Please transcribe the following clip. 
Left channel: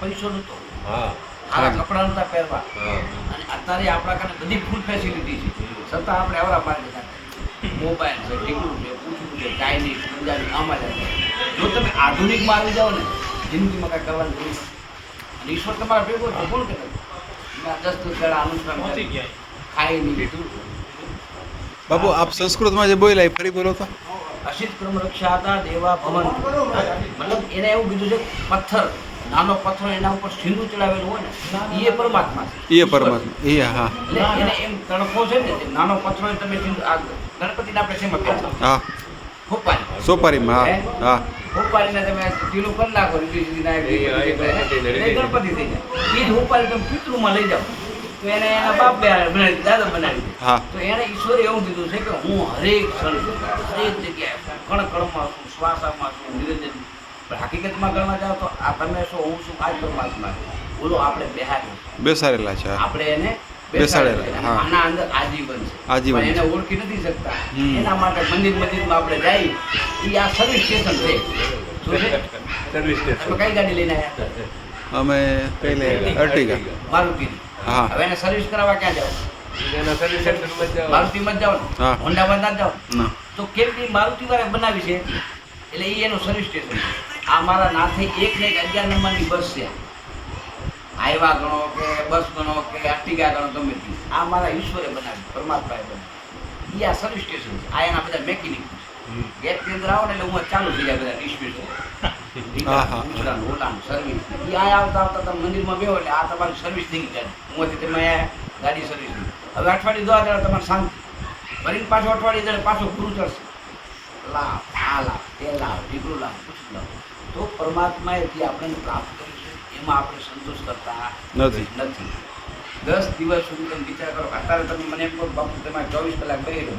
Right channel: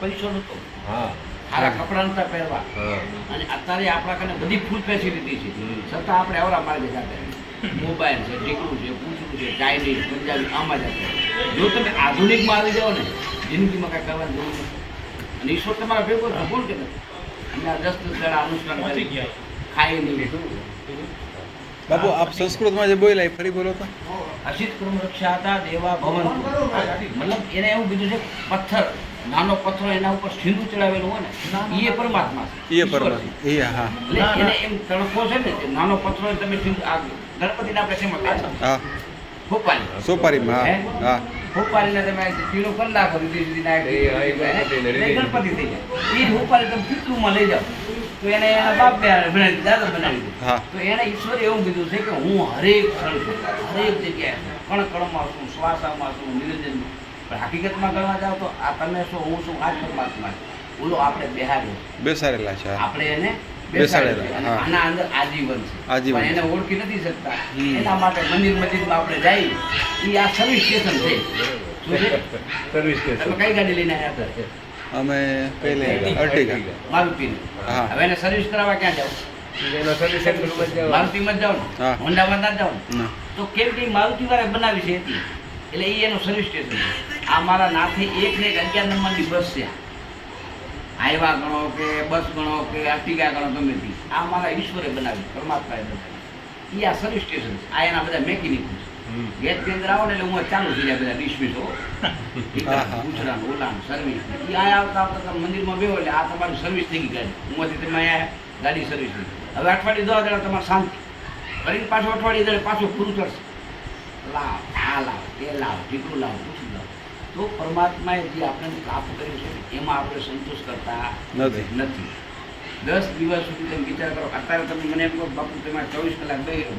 પૈસો નહોતો, હા સારા કપડાં નહોતા પહેરવા, હા અને અત્યારે આપણા કને બધી ફૂલ ફેસિલિટી છે, છતાં આપણે આવરા માર્ગે સાથે મોબાઈલ છે, ટીકડું છે, પૂછવું છે, ચાઇનીઝ, પંજાબી, આમાં જ આપણે. જો તમે આધુનિકમાં આવી જાઓ ને, જિંદગીમાં કાંઈ કરવાની જરૂર નથી. અને ઈશ્વર તમારા ભેગો છે, કોણ કે નથી? અમે આ 10 દાડા અનુષ્ઠાન કરી, ખાઈ નહીં. બાપુ આપ સંસ્કૃતમાં જે બોલ્યા એ ફરી બોલો તો. અસિત કર્મ રક્ષાતા દેવા ભવન, મતલબ એને એવું કીધું છે, પથ્થર, નાનો પથ્થર એના ઉપર સિંદૂર ચડાવેલું હોય ને, એ પરમાત્મા છે. એ પરમાત્મા એ હા એટલે એને એમ તણખો છે ને, જે નાનો પથ્થર હોય તમે સિંદૂર, આ ગણપતિને આપણે શેમાં કરતા? હા ફૂંપારી. સોપારીમાં હે? હા હા ફૂંપારીને તમે ઢીલું કરી નાખો, રીધી સીધી નાખી, એ ગણપતિને એટલે રીધી. ગણપતિ થઈ જાય. એ જ ફૂંપારી તમે પિતૃમાં લઈ જાઓ તો એને એના બાપ બનાવી, દાદા બનાવી દે. હા તો એને ઈશ્વરે એવું કીધું છે કે હું હરેક ક્ષણ છું, હરેક જગ્યાએ કણ કણમાં છું, શ્વાસામાં છું, નિવેદન. પણ હકીકતમાં ગણવા જાઓ તો આ તમે છો, હું છું, આ જ પરમાત્મા છે. બોલો આપણે બેહાડ્યું, બેસાડેલા છે હા. આપણે એને બેસાડેલા, બેસાડેલા. હા. આના અંદર આજીવન છે, આજીવન પણ એને છે. ઓળખી નથી શકતા. હમ. એના માટે મંદિર મસ્જિદમાં આપણે જઈએ, એ આ સર્વિસ સ્ટેશન છે. શું છે? સર્વિસ તમે સ્ટેશન કઈ ગાડી લઈને આવ્યા હતા? અમે પહેલે અર્ટિગા મારુતિની. હા. હવે એને સર્વિસ કરાવવા ક્યાં જાવ? એના સર્વિસ સેન્ટરમાં જાઓ. મારુતિમાં જ જાઓ ને, હા. હોન્ડામાં ના જાઓ ને. ના તો કેમ કે મારુતિ વાળા બનાવી છે એટલે એ એનું સર્વિસ સ્ટેશન છે. આ મારા નાથે એક ને એક 11 નંબરની બસ છે, હાઈવા ગણો કે બસ ગણો કે આર્ટિગા ગણો, ગમે તે. આ મારા ઈશ્વરે બનાવી, પરમાત્માએ બનાવી. એ આ સર્વિસ સ્ટેશન છે. આ એના બધા મેકેનિક છે. હમ. ગેટની અંદર આવો ને એટલે હું ચાલુ થઈ જાય બધા ડિસમિસ હો. હા, હા. ગુજરાન ઓલાન સર્વિસ એ આ આવતા આવતા તમે મંદિરમાં બેહો એટલે આ તમારી સર્વિસ થઈ ગઈ ગાડી. ઉંમરથી તમે અહીંયા ગાડી સર્વિસ થઈ. હવે અઠવાડિયે 10 દાડા તમારે શાંતિ. ફરી પાછું અઠવાડિયે એટલે પાછું પૂરું થશે. લાવ, આ લાવ, તે લાવ, ઢીકલું લાવ, પૂછું લાવ. તો પરમાત્માએ જે આપણે પ્રાપ્ત કર્યું છે એમાં આપણે સંતોષ કરતા નથી. નથી. 10 દિવસ સુધી તમે વિચાર કરો. અત્યારે તમે મને એમ કહો બાપુ તમારે 24 કલાક બેહી રહો.